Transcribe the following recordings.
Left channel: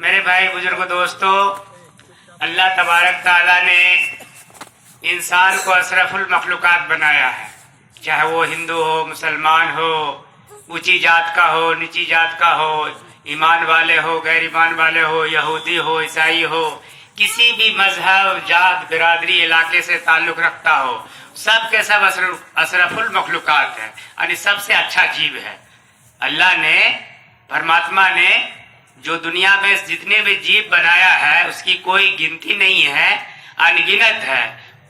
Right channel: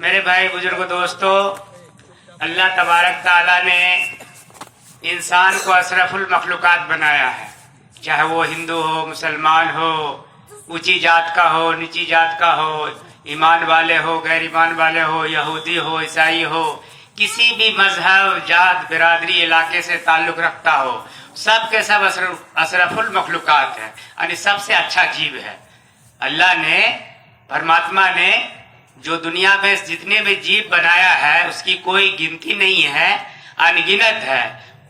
मेरे भाई बुजुर्ग दोस्तों, अल्लाह तबारक ताला ने इंसान को अशरफुल मखलूकात बनाया है। चाहे वो हिंदू हो, मुसलमान हो, ऊंची जात का हो, नीची जात का हो, ईमान वाले हो, गैर ईमान वाले हो, यहूदी हो, ईसाई हो, किसी भी मजहब, जात, बिरादरी, इलाके से ताल्लुक रखता हो, सब के सब अशरफुल मखलूकात है यानी सबसे अच्छा जीव है। अल्लाह ने, परमात्मा ने जो दुनिया में जितने भी जीव बनाया है उसकी कोई गिनती नहीं है, अनगिनत है।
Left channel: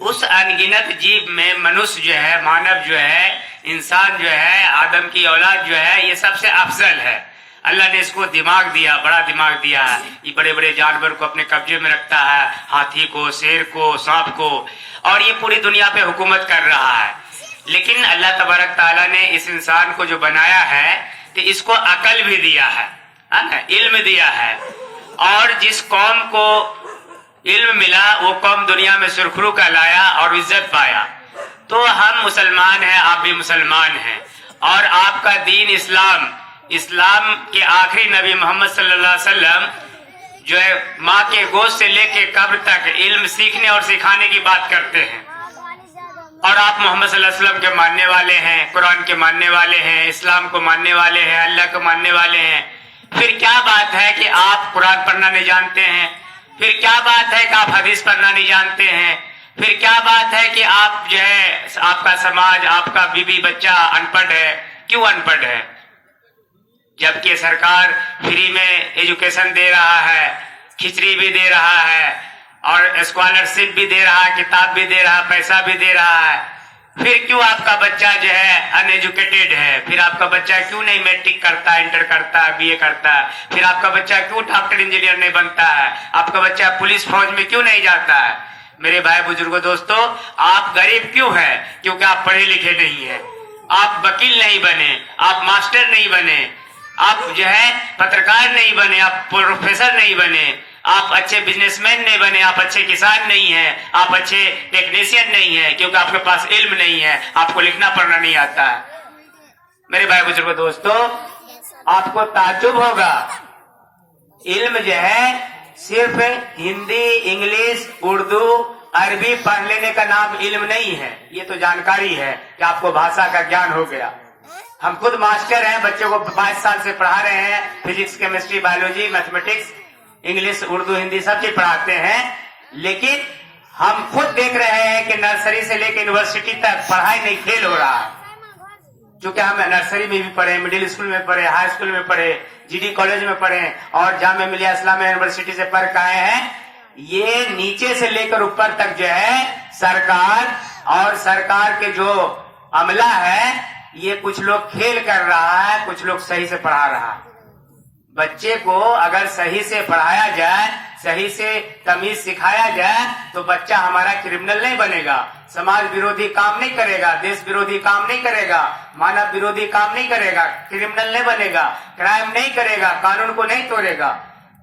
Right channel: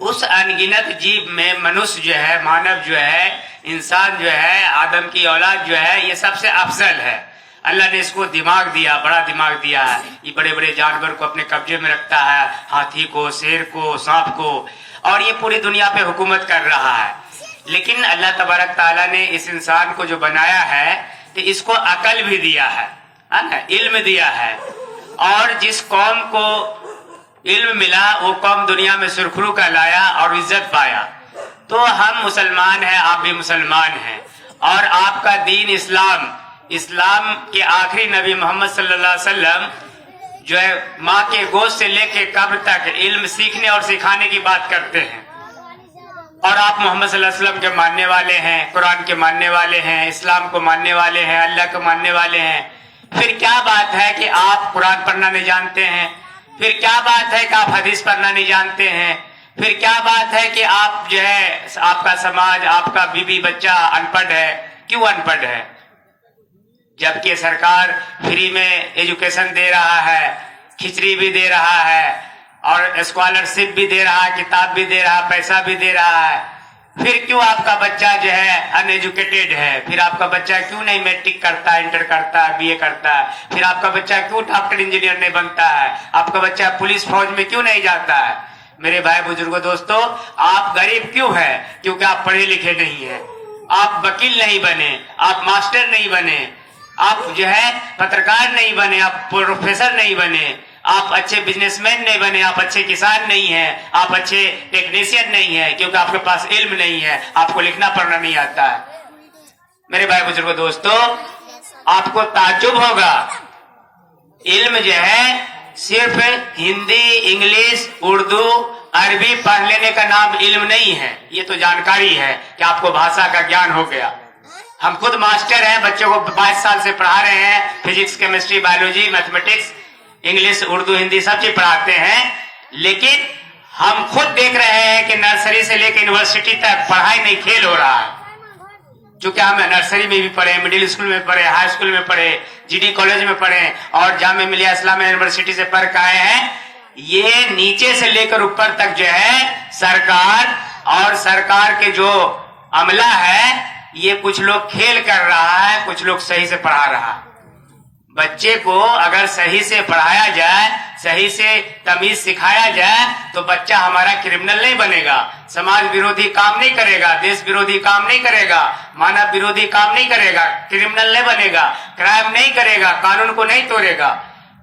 उस अनगिनत जीव में मनुष्य जो है, मानव जो है, इंसान जो है, आदम की औलाद जो है, ये सबसे अफजल है। अल्लाह ने इसको दिमाग दिया, बड़ा दिमाग दिया है। ये बड़े बड़े जानवर को अपने कब्जे में रखता है, हाथी को, शेर को, सांप को, और ये पूरी दुनिया पे हुकूमत कर रहा है। लेकिन अल्लाह तबारक ताला ने इस इंसान को जो बनाया है तो इसको अकल भी दिया है ना, इल्म दिया है। और जिस कौम को इल्म मिला वो कौम दुनिया में सुरखरू का लाया और इज्जत पाया। तो हम मुसलमान हैं, आप भी मुसलमान हैं, और आपका दीन इस्लाम, इस्लाम के आखिरी नबी मोहम्मद सल्लल्लाहु अलैहि वसल्लम जो है माँ के गोद से लेके कब्र तक इल्म सीखने और सिखाने की बात करते हैं। और आप मोहम्मद सल्लल्लाहु अलैहि वसल्लम के मानने वाले हैं, कुरान के मानने वाले हैं, इस्लाम को मानने वाले हैं, अल्लाह को मानने वाले हैं। फिर क्या बात है कि आप कुरान पढ़ना नहीं जानते हैं? फिर क्या बात है कि आप हदीस पढ़ना नहीं जानते हैं? फिर क्या बात है कि आप जो है, आपका समाज, आपका बीवी बच्चा अनपढ़ है? क्यों अनपढ़ है? जबकि सरकार फ्री में एजुकेशन दे रहा है, खिचड़ी भी दे रहा है, और स्कॉलरशिप भी दे रहा है, किताब भी दे रहा है, पैसा भी दे रहा है। फिर क्यों आपका बच्चा जो है अनएजुकेटेड है? फिर आपका बच्चा क्यों नहीं मैट्रिक करता, इंटर करता, बीए करता है? फिर आपका बच्चा क्यों डॉक्टर इंजीनियर नहीं बनता है? आपका बच्चा पुलिस फौज में क्यों नहीं जाता है? मेरे भाई बुजुर्गों दोस्तों, आप गरीब क्यों है? क्योंकि आप पढ़े लिखे नहीं है। आप वकील नहीं बने, आप मास्टर नहीं बने, आप जो है पत्रकार नहीं बने, आप प्रोफेसर नहीं बने, आप अच्छे बिजनेसमैन नहीं बने, आप अच्छे किसान नहीं हैं, आप अच्छे टेक्नीशियन नहीं है, क्योंकि आपके पास इल्म नहीं है, आपको लिखना पढ़ना नहीं आता है। मेरे भाई बुजुर्गों दोस्तों, आपको ताज्जुब होगा, इल्म जो है सिर्फ हिंदी, इंग्लिश, उर्दू, अरबी पढ़ लेने का नाम इल्म नहीं है। ये तो जानकारी है कि आपको भाषा का ज्ञान हो गया। हम खुद मास्टर हैं, बच्चों को 22 साल से पढ़ा रहे हैं, physics, chemistry, biology, mathematics, English, Urdu, Hindi सब चीज पढ़ाते हैं। लेकिन हम खुद देख रहे हैं कि नर्सरी से लेकर यूनिवर्सिटी तक पढ़ाई नहीं फेल हो रहा है। चूंकि हम नर्सरी में भी पढ़े, मिडिल स्कूल में पढ़े, हाई स्कूल में पढ़े, जीडी कॉलेज में पढ़े और जामिया मिलिया इस्लामिया यूनिवर्सिटी से पढ़ के आए हैं। ये नीचे से लेकर ऊपर तक जो है सरकार और सरकार के जो अमला है, ये कुछ लोग खेल कर रहा है, कुछ लोग सही से पढ़ा रहा है। बच्चे को अगर सही से पढ़ाया जाए, सही से तमीज सिखाया जाए, तो बच्चा हमारा क्रिमिनल नहीं बनेगा, समाज विरोधी काम नहीं करेगा, देश विरोधी काम नहीं करेगा, मानव विरोधी काम नहीं करेगा, क्रिमिनल नहीं बनेगा, क्राइम नहीं करेगा, कानून को नहीं तोड़ेगा।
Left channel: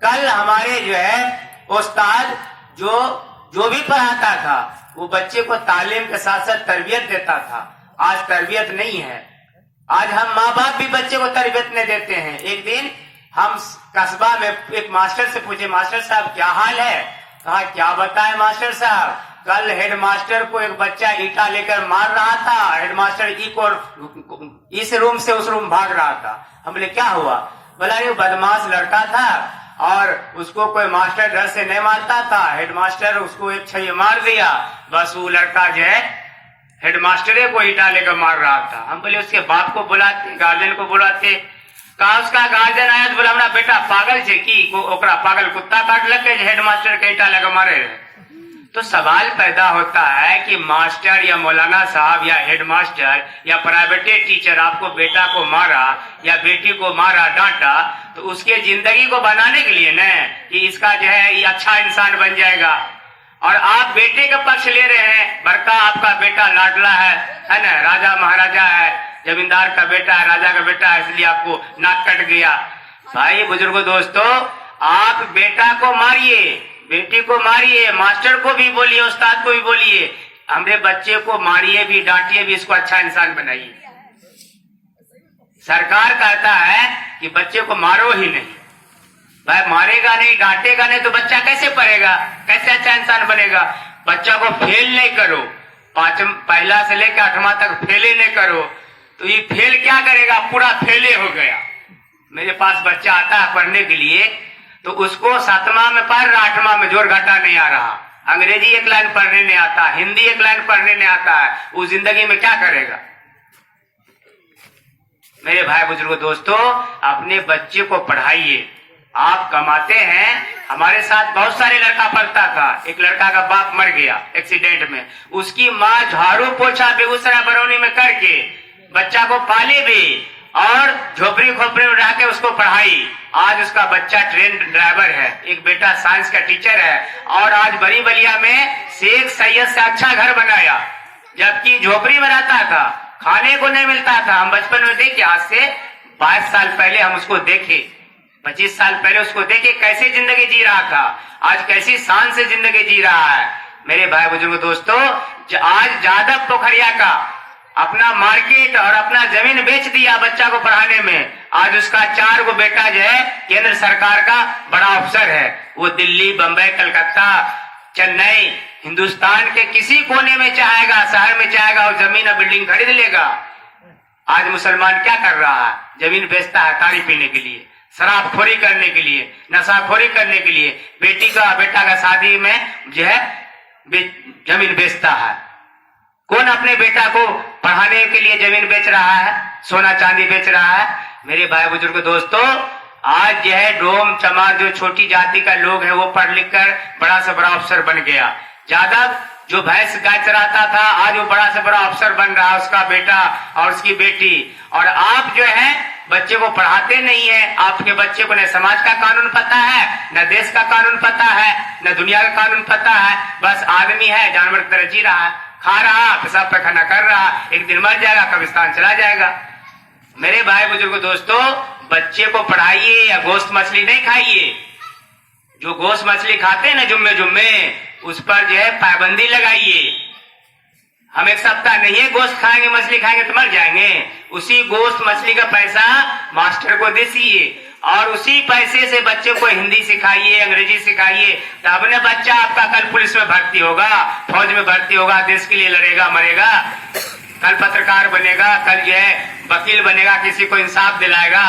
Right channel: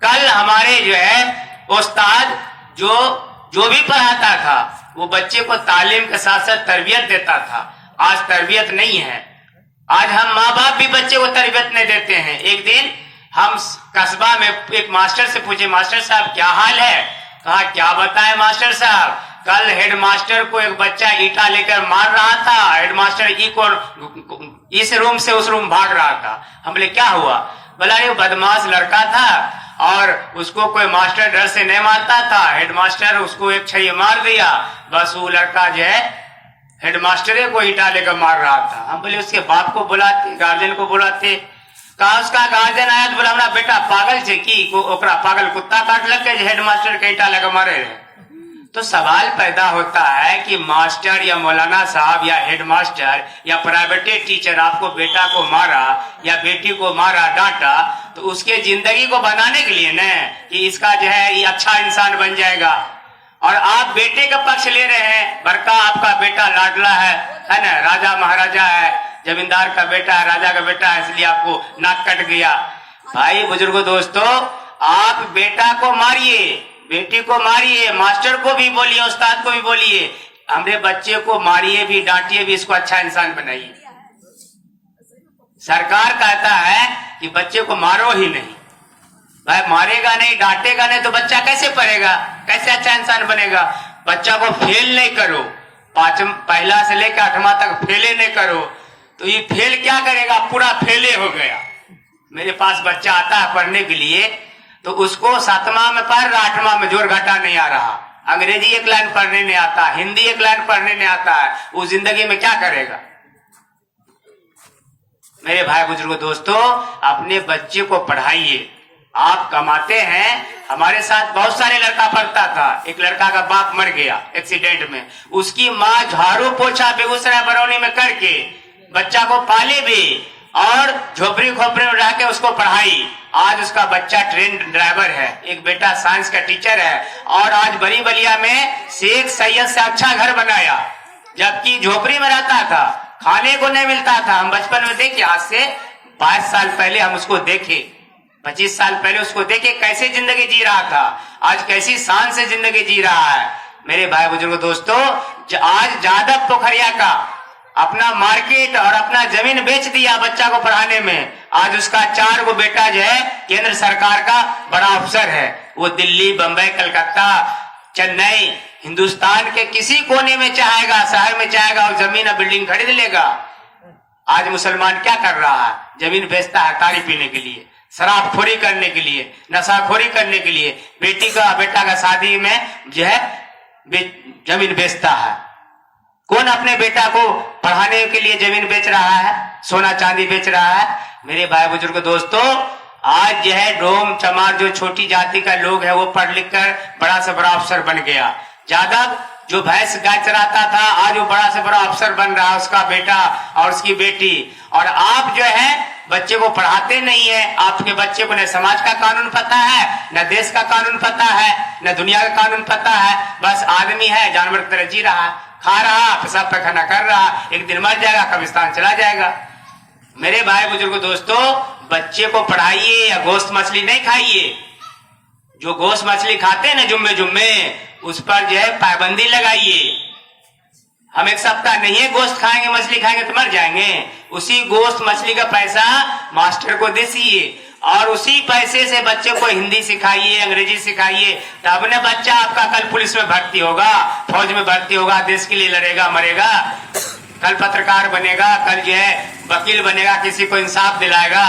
कल हमारे जो है उस्ताद जो भी पढ़ाता था वो बच्चे को तालीम के साथ साथ तरबियत देता था। आज तरबियत नहीं है। आज हम माँ बाप भी बच्चे को तरबियत नहीं देते हैं। एक दिन हम कस्बा में एक मास्टर से पूछे, मास्टर साहब क्या हाल है? कहा क्या बताएं मास्टर साहब, कल हेडमास्टर को एक बच्चा ईटा लेकर मार रहा था, हेडमास्टर इस रूम से उस रूम भाग रहा था। हम बोले क्या हुआ? बोला ये बदमाश लड़का था और उसको कोई मास्टर डर से नहीं मारता था, हेडमास्टर उसको एक छैया मार दिया, बस वो लड़का जो है हेडमास्टर को ईटा लेकर मार रहा था। हम बोले उसके बाप को बुलाते, गार्जियन को बुलाते। कहा उसका गार्जियन आया तो बोला हमारा बेटा पागल छे की ओकरा पागल कुत्ता काट लग हेडमास्टर के ईटा लेकर मारे। तो सवाल पैदा होता है कि मास्टर या मौलाना साहब या हेडमास्टर या प्राइवेट टीचर आपको बेटा को मारा या बेटी को मारा, डांटा, तो उसके जिंदगी को बनाने के लिए न कि इसका जो है ये अच्छा इंसान बन जाएगा, और आप बेटे का पक्ष ले रहे हैं। बड़का आपका बेटा लाडला है ना, राजा महाराजा है, जमींदार का बेटा है, राजा का बेटा है, इसलिए आपको नाक कट गया। भाई बुजुर्गों दोस्तों, आप बेटा को मारिए, बेटी को मारिए, मास्टर को भी बोलिए, उस्ताद को भी बोलिए, हमारे बच्चे को मारिए भी, डांटिए भी, इसको अच्छा इंसान बनाइए। सरकार कहता है कि बच्चे को मारो ही नहीं, भाई मारेगा नहीं, डांटेगा नहीं तो बच्चा कैसे पढ़ेगा, कैसे अच्छा इंसान बनेगा। बच्चा को फेल नहीं करो, पहला से लेकर 8वां तक फेले नहीं करो, तो ये फेल क्या करेगा, पूरा फेले हो गया। मेरे पास बच्चा आता है पढ़ने के लिए, तो उसको 7वां में पढ़ रहा, 8वां में जोर घाटा नहीं आ रहा, अंग्रेजी एक लाइन पढ़ने नहीं आता, हिंदी एक लाइन पढ़ने नहीं आता है, वो जिंदगी में क्या करेगा। मेरे भाई बुजुर्गों दोस्तों, अपने बच्चे को पढ़ाइए। आप कमाते हैं, हमारे साथ बहुत सारे लड़का पढ़ता था, एक लड़का का बाप मर गया एक्सीडेंट में, उसकी माँ झाड़ू पोछा बेगूसराय बरौनी में करके बच्चा को पाले भी और झोपड़ी खोपड़ी में रह के उसको पढ़ाई। आज उसका बच्चा ट्रेन ड्राइवर है, एक बेटा साइंस का टीचर है, और आज बड़ी बलिया में शेख सैयद से अच्छा घर बनाया, जबकि झोपड़ी में रहता था, खाने को नहीं मिलता था। हम बचपन में देखे, आज से 22 साल पहले हम उसको देखे, 25 साल पहले उसको देखे कैसे जिंदगी जी रहा था, आज कैसी शान से जिंदगी जी रहा है। मेरे भाई बुजुर्ग दोस्तों, आज जादव पोखरिया का अपना मार्केट और अपना जमीन बेच दिया बच्चा को पढ़ाने में। आज उसका 4 गो बेटा जो है केंद्र सरकार का बड़ा अफसर है, वो दिल्ली, बंबई, कलकत्ता, चेन्नई, हिंदुस्तान के किसी कोने में चाहेगा, शहर में चाहेगा, और जमीन और बिल्डिंग खरीद लेगा। आज मुसलमान क्या कर रहा है, जमीन बेचता है ताड़ी पीने के लिए, शराबखोरी करने के लिए, नशाखोरी करने के लिए, बेटा का शादी में जो है जमीन बेचता है। कौन अपने बेटा को पढ़ाने के लिए जमीन बेच रहा है, सोना चांदी बेच रहा है। मेरे भाई बुजुर्ग दोस्तों, आज जो है डोम चमार जो छोटी जाति का लोग है, वो पढ़ लिख कर बड़ा से बड़ा अफसर बन गया। यादव जो भैंस गाय चराता था, आज वो बड़ा से बड़ा अफसर बन रहा है, उसका बेटा और उसकी बेटी। और आप जो है बच्चे को पढ़ाते नहीं है, आपके बच्चे को न समाज का कानून पता है, न देश का कानून पता है, न दुनिया का कानून पता है। बस आदमी है, जानवर की तरह जी रहा है, खा रहा, पेशाब पैखाना कर रहा, एक दिन मर जाएगा, कब्रिस्तान चला जाएगा। मेरे भाई बुजुर्ग दोस्तों, बच्चे को पढ़ाइए या गोश्त मछली नहीं खाइए। जो गोश्त मछली खाते हैं ना जुम्मे, उस पर जो है पाबंदी लगाइए। हम एक सप्ताह नहीं है गोश्त खाएंगे, मछली खाएंगे तो मर जाएंगे। उसी गोश्त मछली का पैसा मास्टर को दीजिए और उसी पैसे से बच्चे को हिंदी सिखाइए, अंग्रेजी सिखाइए, तब न बच्चा आपका कल पुलिस में भर्ती होगा, फौज में भर्ती होगा, देश के लिए लड़ेगा, मरेगा, कल पत्रकार बनेगा, कल जो है वकील बनेगा, किसी को इंसाफ दिलाएगा,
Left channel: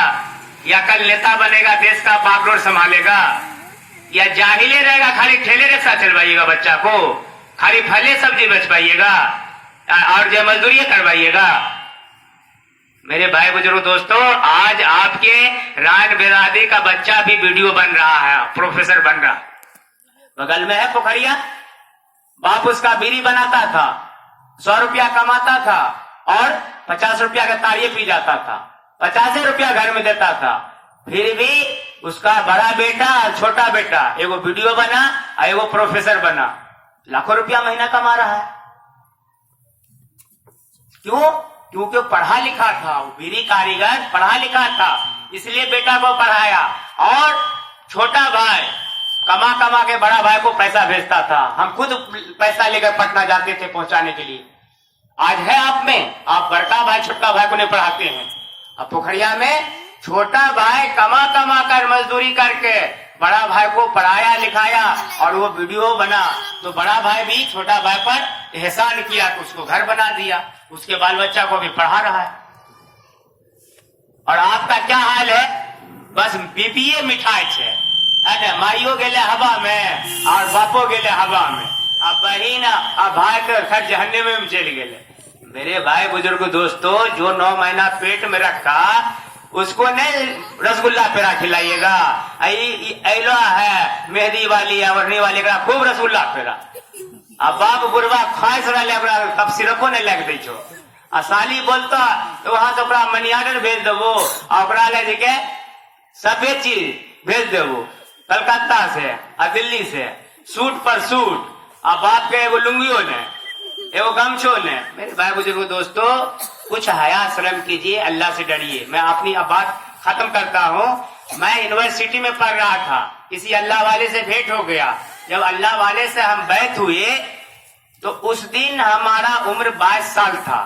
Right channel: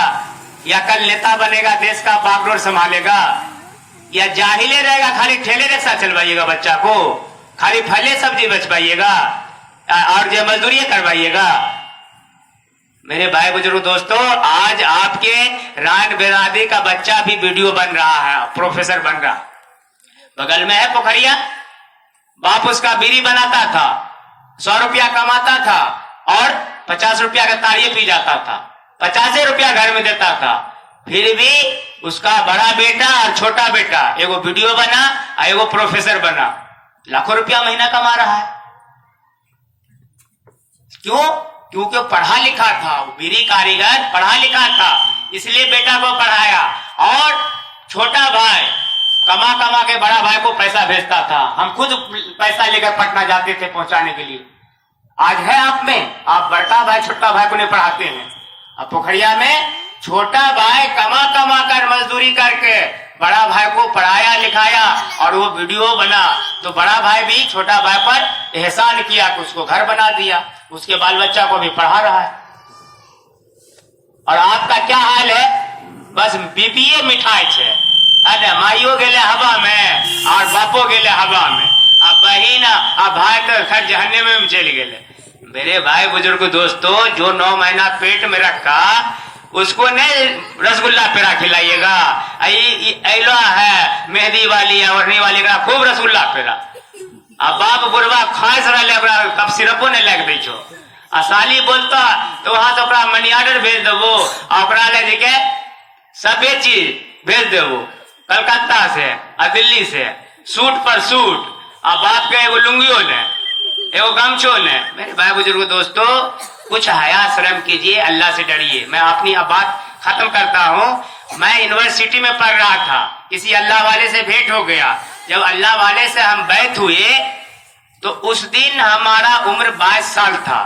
या कल नेता बनेगा, देश का बागडोर संभालेगा। या जाहिले रहेगा, खाली ठेले रिक्शा चलवाइएगा, बच्चा को खाली फले सब्जी बेच पाइएगा और जो मजदूरी करवाइएगा। मेरे भाई बुजुर्ग दोस्तों, आज आपके रान बिरादरी का बच्चा भी वीडियो बन रहा है, प्रोफेसर बन रहा। बगल में है पोखरिया, बाप उसका बीड़ी बनाता था, 100 रुपया कमाता था और 50 रुपया का ताड़िए पी जाता था, 50 रुपया घर में देता था। फिर भी उसका बड़ा बेटा और छोटा बेटा एगो वीडियो बना और एगो प्रोफेसर बना, लाखों रुपया महीना कमा रहा है। क्यों? क्योंकि पढ़ा लिखा था, वो बीड़ी कारीगर पढ़ा लिखा था, इसलिए बेटा को पढ़ाया। और छोटा भाई कमा कमा के बड़ा भाई को पैसा भेजता था। हम खुद पैसा लेकर पटना जाते थे पहुंचाने के लिए। आज है आप में, आप बड़का भाई छोटा भाई को नहीं पढ़ाते हैं। अब पोखरिया में छोटा भाई कमा कमा कर मजदूरी करके बड़ा भाई को पढ़ाया लिखाया और वो वीडियो बना, तो बड़ा भाई भी छोटा भाई पर एहसान किया, उसको घर बना दिया, उसके बाल बच्चा को भी पढ़ा रहा है। और आपका क्या हाल है? बस बीपीए मिठाई छे, अरे माइयो गेले हवा में और बापो गेले हवा में, अब बहिन अब भाई तो खर जहन्नुम में चले गेले। मेरे भाई बुजुर्ग दोस्तों, जो 9 महीना पेट में रखा उसको नहीं रसगुल्ला पेड़ा खिलाइएगा। ऐलो है मेहंदी वाली या ओढ़नी वाली का खूब रसगुल्ला पेड़ा। अब बाप बुढ़वा खास रहा, कब सिरपो नहीं लग दी छो। आ साली बोलता तो वहां से ओकरा मनी ऑर्डर भेज देवो, ओकरा ले के सभे चीज भेज देवो, कलकत्ता से आ दिल्ली से, सूट पर सूट, आ बाप के एगो लुंगियो ने, एगो गमछो ने। मेरे भाई बुजुर्ग दोस्तों, कुछ हया शर्म कीजिए, अल्लाह से डरिए। मैं अपनी अब बात खत्म करता हूँ। मैं यूनिवर्सिटी में पढ़ रहा था, किसी अल्लाह वाले से भेंट हो गया। जब अल्लाह वाले से हम बैठ हुए तो उस दिन हमारा उम्र 22 साल था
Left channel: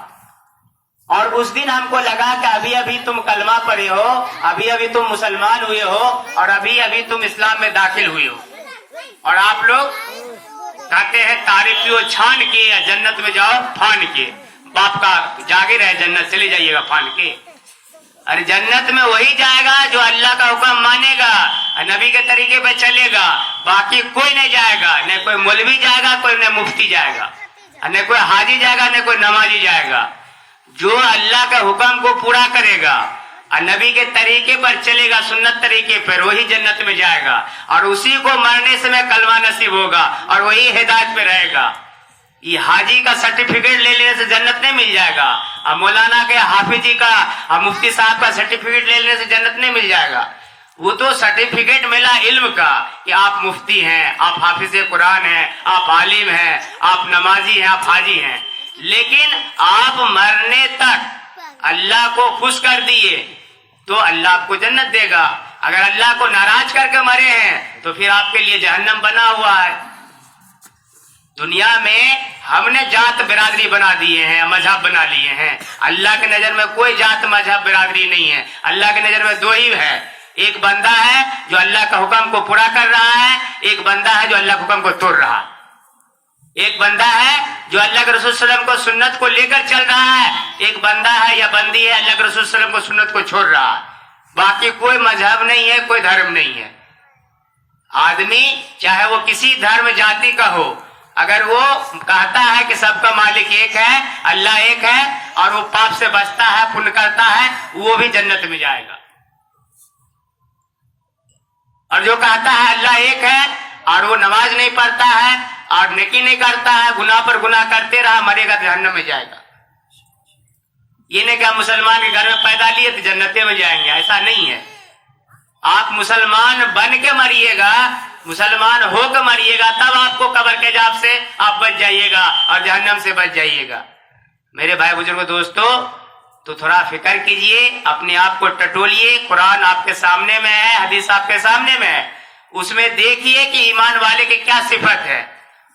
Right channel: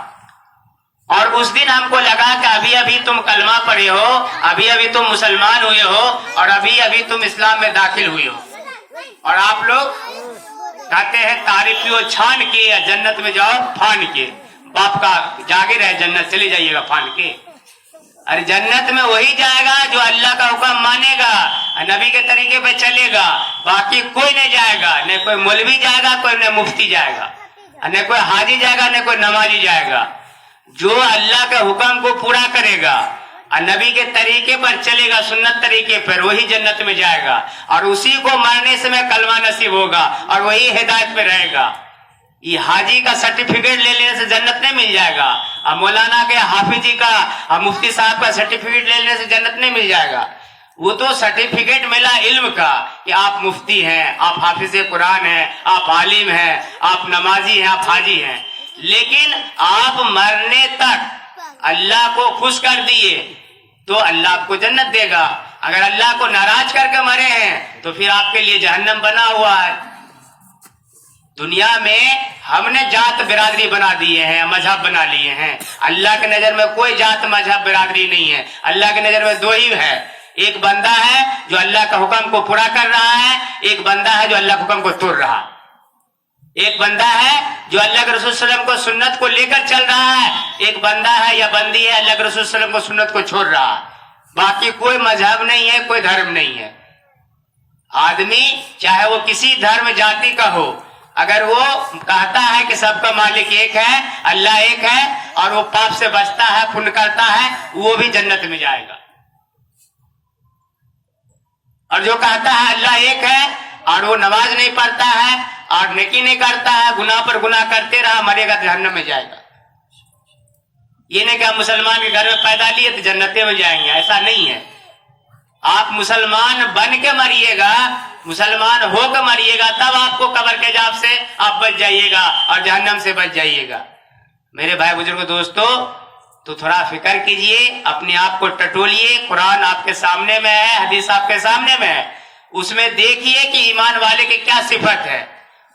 और उस दिन हमको लगा कि अभी अभी तुम कलमा पढ़े हो, अभी अभी तुम मुसलमान हुए हो और अभी अभी तुम इस्लाम में दाखिल हुए हो, और आप लोग कहते हैं तारीखियों छान के या जन्नत में जाओ फान के। बाप का जागे रहे जन्नत चले जाइएगा फान के। अरे जन्नत में वही जाएगा जो अल्लाह का हुक्म मानेगा, नबी के तरीके पे चलेगा। बाकी कोई नहीं जाएगा, न कोई मौलवी जाएगा, कोई न मुफ्ती जाएगा, न कोई हाजी जाएगा, न कोई नमाजी जाएगा। जो अल्लाह के हुक्म को पूरा करेगा और नबी के तरीके पर चलेगा, सुन्नत तरीके पर, वही जन्नत में जाएगा और उसी को मरने समय कलमा नसीब होगा और वही हिदायत में रहेगा। ये हाजी का सर्टिफिकेट ले लेने से जन्नत नहीं मिल जाएगा, और मौलाना के हाफिजी का और मुफ्ती साहब का सर्टिफिकेट ले लेने से जन्नत नहीं मिल जाएगा। वो तो सर्टिफिकेट मिला इल्म का कि आप मुफ्ती हैं, आप हाफिज कुरान हैं, आप आलिम हैं, आप नमाजी हैं, आप हाजी हैं। लेकिन आप मरने तक अल्लाह को खुश कर दिए तो अल्लाह आपको जन्नत देगा। अगर अल्लाह को नाराज करके मरे हैं तो फिर आपके लिए जहन्नम बना हुआ है। दुनिया में हमने जात बिरादरी बना दिए हैं, मजहब बना लिए हैं। अल्लाह के नजर में कोई जात मजहब बिरादरी नहीं है। अल्लाह के नजर में दो ही है, एक बंदा है जो अल्लाह का हुक्म को पूरा कर रहा है, एक बंदा है जो अल्लाह के हुक्म को तोड़ रहा है। एक बंदा है जो अल्लाह के रसूल सल्लल्लाहु अलैहि वसल्लम को सुन्नत को लेकर चल रहा है, एक बंदा है या बंदी है अल्लाह के रसूल सल्लल्लाहु अलैहि वसल्लम को सुन्नत को छोड़ रहा है। बाकी कोई मजहब नहीं है, कोई धर्म नहीं है। आदमी चाहे वो किसी धर्म जाति का हो, अगर वो कहता है कि सबका मालिक एक है, अल्लाह एक है, और वो पाप से बचता है, पुण्य करता है, वो भी जन्नत में जाएगा। और जो कहता है अल्लाह एक है और वो नमाज नहीं पढ़ता है और नेकी नहीं करता है, गुनाह पर गुनाह करते रहा, मरेगा तो जहन्नम में जाएगा। ये नहीं कि हम मुसलमान के घर में पैदा लिए तो जन्नते में जाएंगे, ऐसा नहीं है। आप मुसलमान बन के मरिएगा, मुसलमान होकर मरिएगा, तब आपको कब्र के अज़ाब से आप बच जाइएगा और जहन्नम से बच जाइएगा। मेरे भाई बुजुर्गों दोस्तों, तो थोड़ा फिक्र कीजिए, अपने आप को टटोलिए। कुरान आपके सामने में है, हदीस आपके सामने में है, उसमें देखिए कि ईमान वाले की क्या सिफत है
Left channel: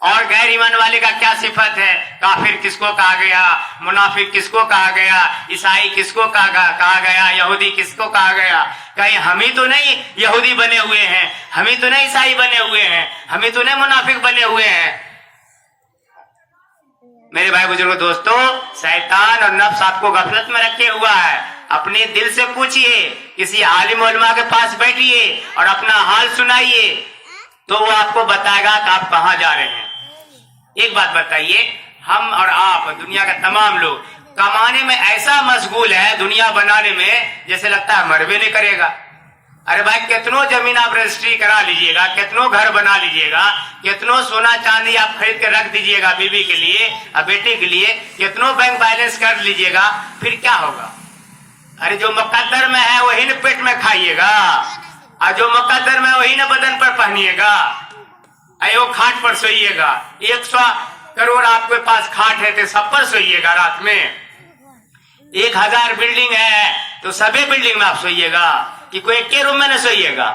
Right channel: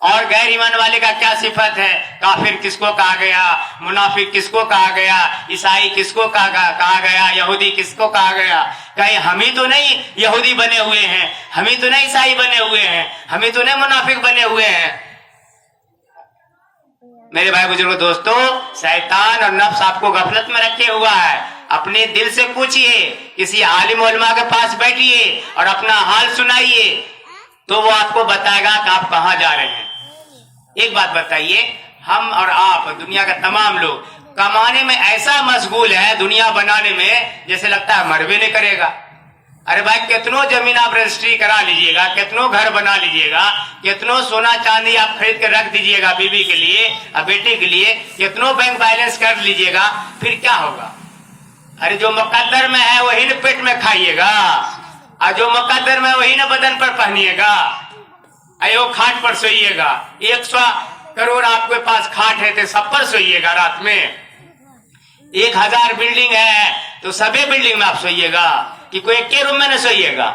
और गैर ईमान वाले का क्या सिफत है। काफिर किसको कहा गया, मुनाफिक किसको कहा गया, ईसाई किसको कहा गया, यहूदी किसको कहा गया। कहीं हम ही तो नहीं यहूदी बने हुए हैं, हम ही तो नहीं ईसाई बने हुए हैं, हम ही तो नहीं मुनाफिक बने हुए हैं। मेरे भाई बुजुर्गों दोस्तों, शैतान और नफ्स आपको गफलत में रखे हुआ है। अपने दिल से पूछिए, किसी आलिम उलमा के पास बैठिए और अपना हाल सुनाइए, तो वो आपको बताएगा कि आप कहाँ जा रहे हैं। एक बात बताइए, हम और आप, दुनिया का तमाम लोग कमाने में ऐसा मशगूल है, दुनिया बनाने में, जैसे लगता है मर भी नहीं करेगा। अरे भाई, कितनों जमीन आप रजिस्ट्री करा लीजिएगा, कितनों घर बना लीजिएगा, कितनों सोना चांदी आप खरीद के रख दीजिएगा बीवी के लिए और बेटी के लिए, कितनों बैंक बैलेंस कर लीजिएगा, फिर क्या होगा। अरे जो मुकद्दर में है वही न पेट में खाइएगा, और जो मुकद्दर में वही न बदन पर पहनिएगा। अयो खाट पर सोइएगा, 100 करोड़ आपके पास खाट है तो सब पर सोइएगा। रात में 1000 बिल्डिंग है तो सभी बिल्डिंग में आप सोइएगा कि कोई एक के रूम में न सोइएगा।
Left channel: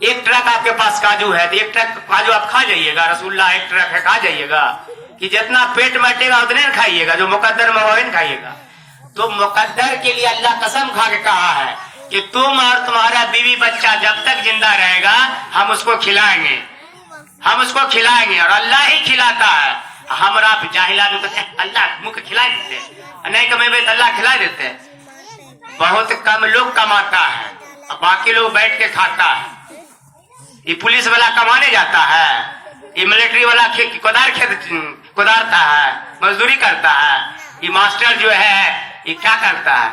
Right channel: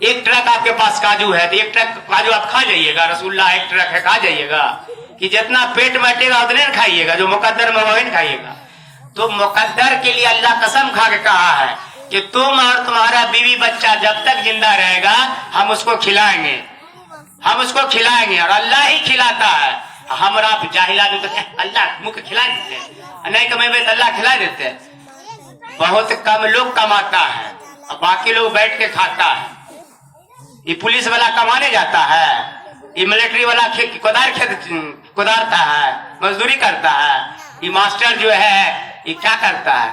एक ट्रक आपके पास काजू है तो एक ट्रक काजू आप खा जाइएगा, रसगुल्ला एक ट्रक है खा जाइएगा, कि जितना पेट बैठेगा उतने न खाइएगा, जो मुकद्दर में वही न खाइएगा। तो मुकद्दर के लिए अल्लाह कसम खा के कहा है कि तुम और तुम्हारा बीवी बच्चा जब तक जिंदा रहेगा हम उसको खिलाएंगे, हम उसको खिलाएंगे, और अल्लाह ही खिलाता है। हमारा जाहिल आदमी कहते हैं अल्लाह मुख खिला देते हैं, नहीं कमेंगे तो अल्लाह खिला देते हैं। बहुत कम लोग कमाता है और बाकी लोग बैठ के खाता है। ये पुलिस वाला कमाने जाता है, ये मिलिट्री वाला कुदारता है, मजदूरी करता है। ये मास्टर जो है ये क्या करता है,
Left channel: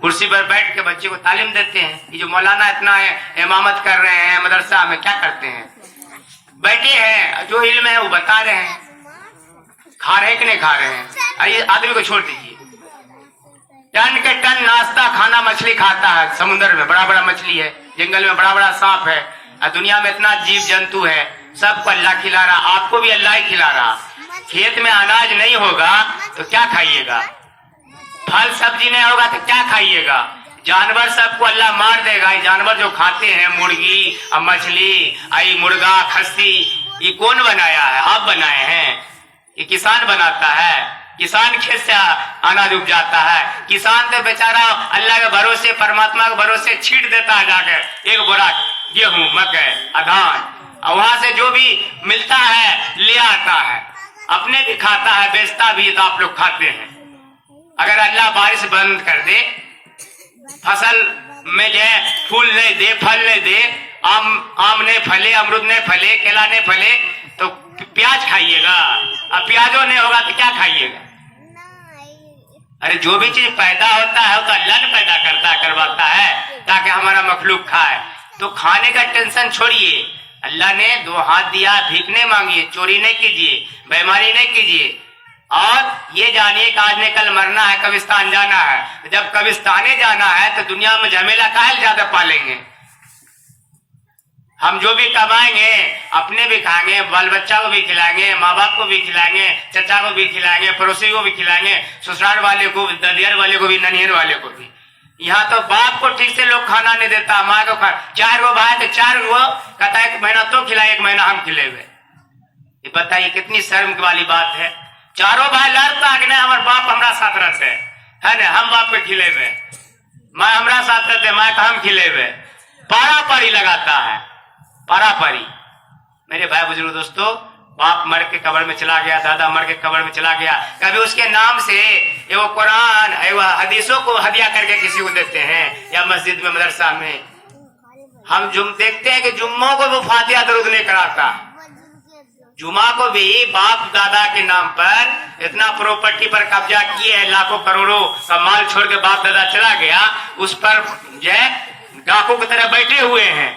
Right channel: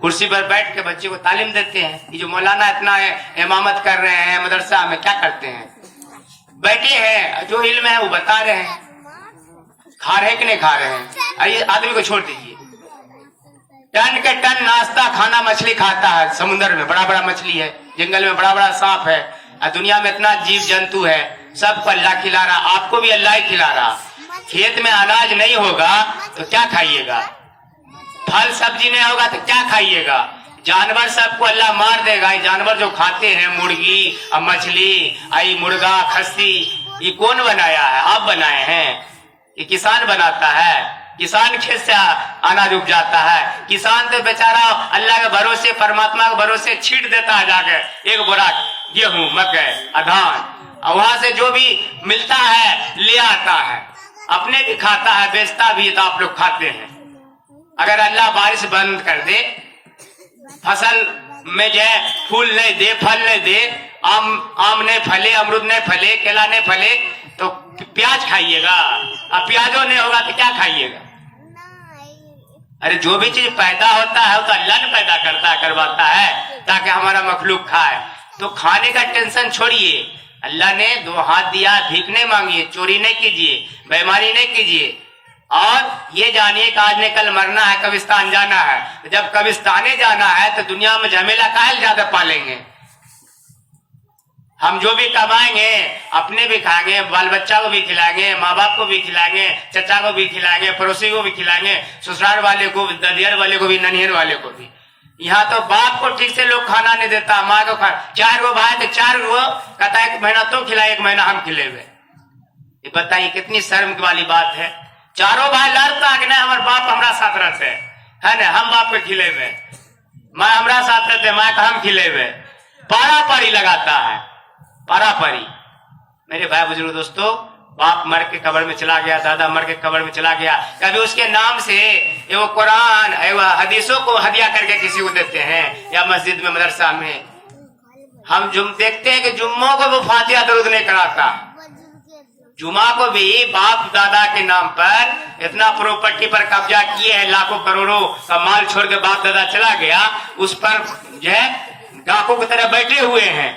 कुर्सी पर बैठ के बच्चे को तालीम देते हैं। ये जो मौलाना इतना इमामत कर रहे हैं मदरसा में, क्या करते हैं, बैठे हैं, जो इल्म है वो बता रहे हैं। खा रहे कि नहीं खा रहे हैं, आइए आदमी को छोड़ दीजिए। टन के टन नाश्ता खाना मछली खाता है, समुद्र में बड़ा बड़ा मछली है, जंगल में बड़ा बड़ा सांप है, और दुनिया में इतना जीव जंतु है, सबको अल्लाह खिला रहा, आपको भी अल्लाह ही खिला रहा। खेत में अनाज नहीं होगा तो क्या खाइएगा, फल सब्जी नहीं होगा तो क्या खाइएगा। जानवर सबको अल्लाह मार देगा। ये जानवर जो खाते हैं, मुर्गी और मछली, आई मुर्गा खस्सी, ये कौन बनाया है, आप बनाए हैं, ये किसान बनाता है। किसान खेत से अनाज उग जाता है। किसान तो बेचारा अल्लाह के भरोसे, परमात्मा के भरोसे छीट देता है जाकर एक बोरा गेहूं, मकई, धान, और वहां से जो भी मिलता है ले आता है, अपने भी खाता है, बेचता भी, तो आप लोग खाते हैं। अगर अल्लाह बारिश बंद कर दे, फसल में जो है फूल नहीं दे, फल नहीं दे, आम नहीं फले, अमरूद नहीं फले, केला नहीं फले, तो प्याज खाइएगा? अब प्याजो नहीं होगा तो क्या खाइएगा? अरे जो भी चीज पैदा होता है उसका अल्लाह ने पैदा करता है, करवाता है, ताकि हमारा मखलूक खाए। तो खाने का टेंशन छोड़िए, अल्लाह ने दो हाथ दिया, भीख नहीं मांगिए, चोरी नहीं कीजिए, बेईमानी नहीं कीजिए, और ये जानिए कि आज ने कल मरना है, कब्रिस्तान जाना है। जब कब्रिस्ताने जाना है तो दुनिया में झमेला काहे ज्यादा पालेंगे? हम जो भी कमाएंगे अपने भी खाएंगे, बाल बच्चा को भी खिलाएंगे, माँ बाप को भी खिलाएंगे, चचा को भी खिलाएंगे, पड़ोसी को भी खिलाएंगे, ससुराल वाले को, ददियर वाले को भी, ननियर वाले को भी। यहाँ तो बाप को ठीक से लोग खाना नहीं देता, माँ को खा, 4 गो भाई तो 4 गो कहता है, 1 महीना तो खिलाए, 1 महीना हम खिलेवे। ये बताइए कितनी शर्म वाली बात है। चारों भाई लड़ता कि नहीं हमारे बाप हमारा साथ रहते है ना, हम बाप पे खिलेवे, माँ हमारा साथ रहते, माँ का हम खिलेवे। पारा पारी लगाता है, पारा पारी। मेरे भाई बुजुर्ग दोस्तों, बाप मर के कब्र में चला गया, दादा मर के कब्र में चला गया, कभी उसके नाम से वो कुरान हदीसों को हदिया करके किसी को देते हैं, या मस्जिद में, मदरसा में। हम देखते हैं कि जुम्मों को वो फातिहा दरूद नहीं कराता, जुमा को भी बाप दादा के नाम पर इतना प्रॉपर्टी पर कब्जा किए है, लाखों करोड़ों का माल छोड़ के बाप दादा चला गया, उस पर जो है डाकू की तरह बैठे हुए हैं।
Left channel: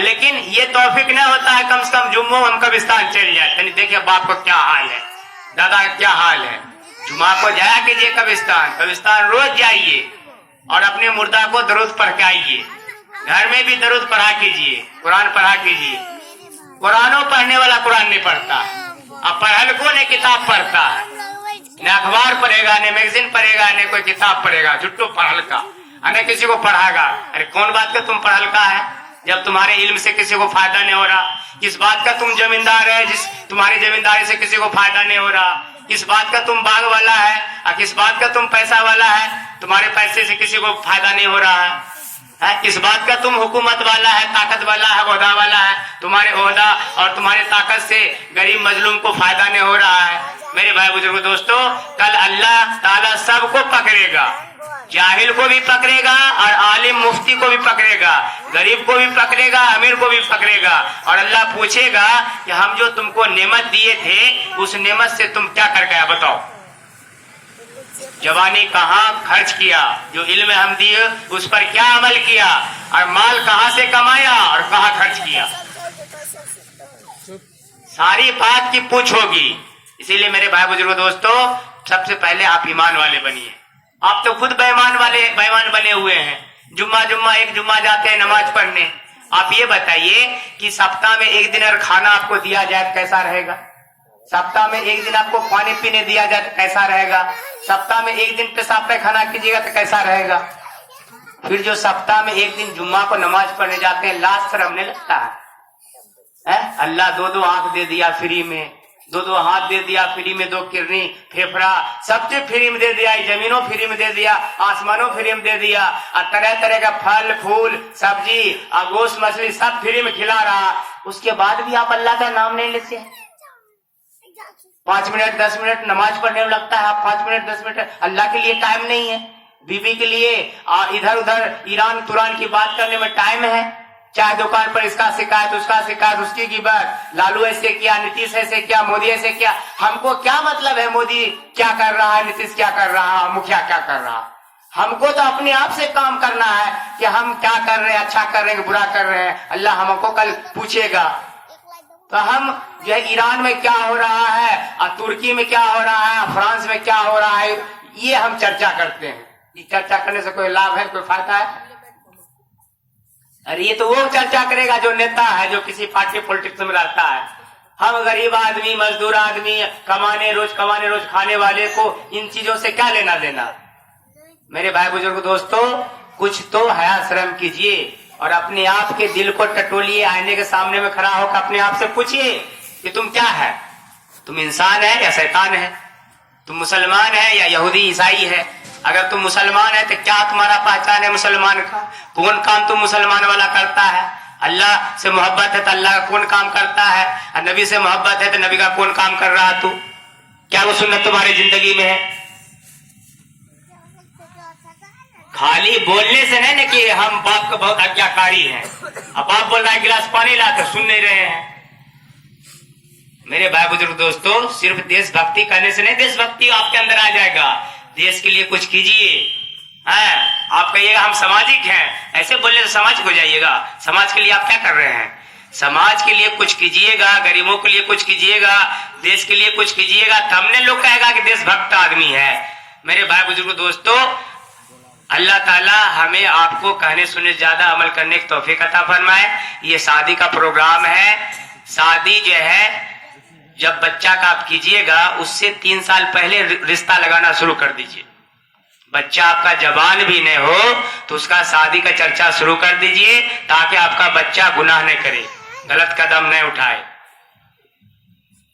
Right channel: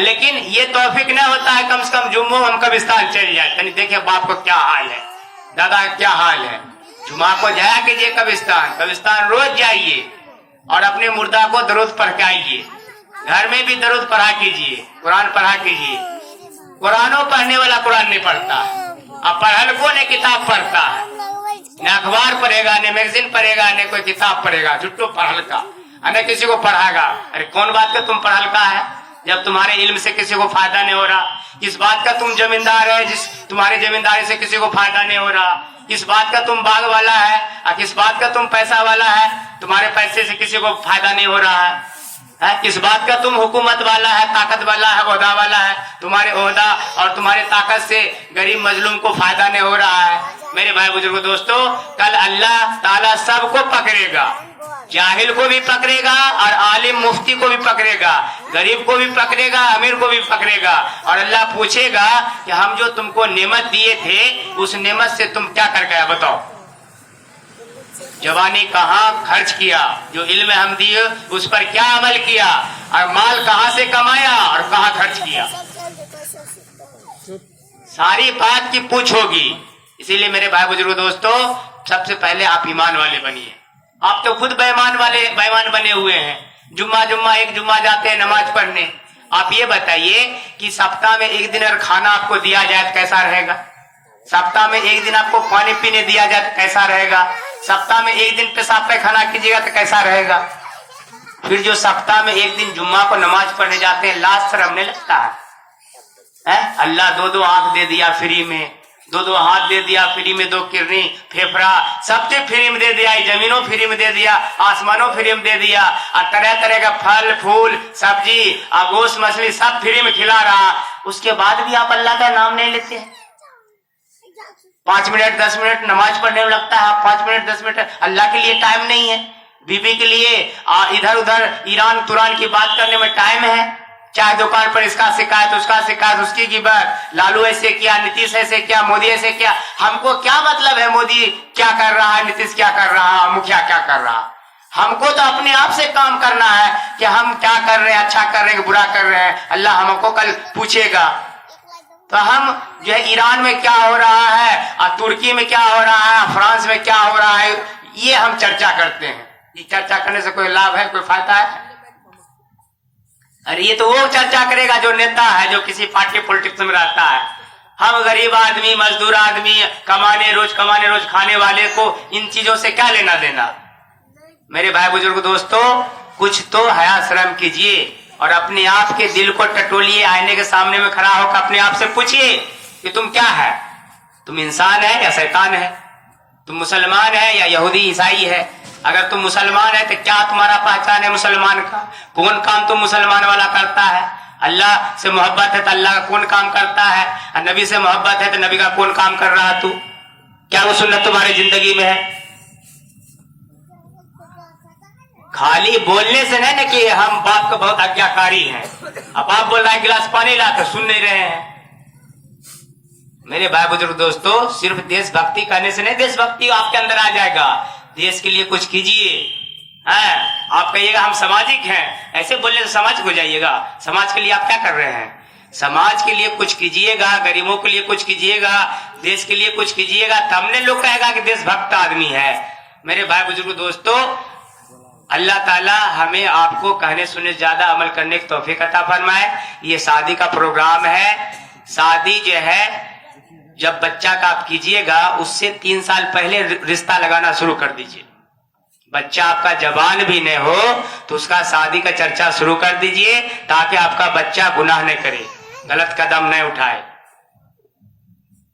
लेकिन ये तौफीक नहीं होता है कम से कम जुम्मों हम कब्रिस्तान चल जाए, यानी देखिए बाप को क्या हाल है, दादा का क्या हाल है। जुमा को जाया कीजिए कब्रिस्तान, कब्रिस्तान रोज जाइए और अपने मुर्दा को दरूद पढ़ाइए, घर में भी दरूद पढ़ा कीजिए, कुरान पढ़ा कीजिए। कुरानों पढ़ने वाला कुरान नहीं पढ़ता, अब पढ़ल को ने किताब पढ़ता है, न अखबार पढ़ेगा, न मैगजीन पढ़ेगा, न कोई किताब पढ़ेगा, जुट्टो पढ़ल का, न किसी को पढ़ाएगा। अरे कौन बात का तुम पढ़ल का है जब तुम्हारे इल्म से किसी को फायदा नहीं हो रहा? किस बात का तुम जमींदार है जिस तुम्हारे जमींदारी से किसी को फायदा नहीं हो रहा? किस बात का तुम बाग वाला है और किस बात का तुम पैसा वाला है, तुम्हारे पैसे से किसी को फायदा नहीं हो रहा है? किस बात का तुम हुकूमत वाला है, ताकत वाला है, ओहदा वाला है, तुम्हारे ओहदा और तुम्हारे ताकत से गरीब मजलूम को फायदा नहीं हो रहा है? मेरे भाई बुजुर्गो दोस्तों, कल अल्लाह ताला सबको पकड़ेगा, जाहिल को भी पकड़ेगा और आलिम मुफ्ती को भी पकड़ेगा, गरीब को भी पकड़ेगा, अमीर को भी पकड़ेगा, और अल्लाह पूछेगा कि हम जो तुमको नेमत दिए थे उस नेमत से तुम क्या कर गया, बताओ। जवानी कहाँ खर्च किया, जो इल्म हम दिए उस पर क्या अमल किया, और माल कहाँ से कमाया और कहाँ खर्च किया, सारी बात की पूछ होगी। इसीलिए मेरे भाई बुजुर्ग दोस्तों, सबसे पहले आप ईमान वाले बनिए। आप तो खुद बेईमान बने हुए हैं। जुम्मा एक जुम्मा जाते हैं नमाज पढ़ने। आप ये बताइए कि सप्ताह में एक दिन अगर खाना आपको दिया जाए तो कैसा रहेगा? सप्ताह में एक दिन आपको पानी पीने दिया जाए तो कैसा रहेगा? सप्ताह में एक दिन पेशाब पैखाना कीजिएगा तो कैसा रहेगा? फिर जो सप्ताह में एक दिन जुम्मा को नमाज पढ़ने जाते हैं, लाज शर्म नहीं लगता है? अल्लाह 2 आंख दे दिया फ्री में, 2 हाथ दे दिया फ्री में, 2 किडनी, फेफड़ा, सब चीज फ्री में दे दिया, जमीनों फ्री में दे दिया, आसमानों फ्री में दे दिया, और तरह तरह का फल फूल सब्जी गोश्त मछली सब फ्री में खिला रहा। उसके बाद भी आप अल्लाह का नाम नहीं लेते हैं। 5 मिनट 10 मिनट नमाज पढ़ने में लगता है, 5 मिनट 10 मिनट अल्लाह के लिए टाइम नहीं है। बीबी के लिए इधर उधर ईरान तुरान की बात करने में टाइम है। चाय दुकान पर इसका शिकायत, उसका शिकायत, उसकी गिबत, लालू ऐसे किया, नीतीश ऐसे किया, मोदी ऐसे किया। हमको क्या मतलब है मोदी क्या कर रहा है, नीतीश क्या कर रहा है, मुखिया क्या कर रहा है? हमको तो अपने आप से काम करना है कि हम क्या कर रहे हैं, अच्छा कर रहे हैं, बुरा कर रहे हैं। अल्लाह हमको कल पूछेगा। तो हम जो है ईरान में क्या हो रहा है और तुर्की में क्या हो रहा है, फ्रांस में क्या हो रहा है, ये हम चर्चा करते हैं। ये चर्चा करने से कोई लाभ है, कोई फायदा है? अरे ये तो वो चर्चा करेगा जो नेता है, जो किसी पार्टी पॉलिटिक्स में रहता है। हम गरीब आदमी, मजदूर आदमी, रोज खाने वाले को इन चीजों से क्या लेना देना? मेरे भाई बुजुर्ग दोस्तों, कुछ तो हया शर्म कीजिए और अपने आप के दिल को टटोलिए। आईने के सामने में खड़ा होकर अपने आप से पूछिए कि तुम क्या है? तुम इंसान है या शैतान है? तुम मुसलमान है या यहूदी ईसाई है? अगर तुम मुसलमान है तो क्या तुम्हारा पहचान है मुसलमान का? कौन काम तुम मुसलमान वाला करता है? अल्लाह से मोहब्बत है तो अल्लाह का कौन काम करता है? और नबी से मोहब्बत है तो नबी का कौन काम कर रहा तू? क्या वो सुन्नत तुम्हारी जिंदगी में है? खाली बोलने से नहीं ना कि हम बाप का बहुत आज्ञाकारी हैं। अब बाप बोल रहा है गिलास पानी ला तो सुन नहीं रहे हैं। मेरे भाई बुजुर्ग दोस्तों, सिर्फ देशभक्ति करने से नहीं देशभक्ति आपके अंदर आ जाएगा। देश के लिए कुछ कीजिए। आप कहिएगा हम सामाजिक हैं, ऐसे बोलने से समाज हो जाइएगा। समाज के लिए आप क्या कर रहे हैं? समाज के लिए कुछ कीजिएगा, गरीबों के लिए कुछ कीजिएगा, देश के लिए कुछ कीजिएगा, तब ने लोग कहेगा कि देशभक्त आदमी है। मेरे भाई बुजुर्ग दोस्तों, अल्लाह ताला हमें आपको कहने सुनने ज्यादा अमल करने की तौफीक अता फरमाए। ये शादी का प्रोग्राम है। शादी जो है जब बच्चा का आप कीजिएगा उससे 3 साल पहले रिश्ता लगाना शुरू कर दीजिए। बच्चा आपका जवान भी नहीं हो तो उसका शादी का चर्चा शुरू कर दीजिए, ताकि आपका बच्चा गुनाह नहीं करे, गलत कदम नहीं उठाए।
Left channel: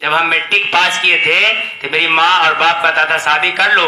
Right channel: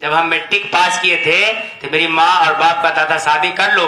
जब हम मैट्रिक पास किए थे तो मेरी माँ और बाप कहता था शादी कर लो।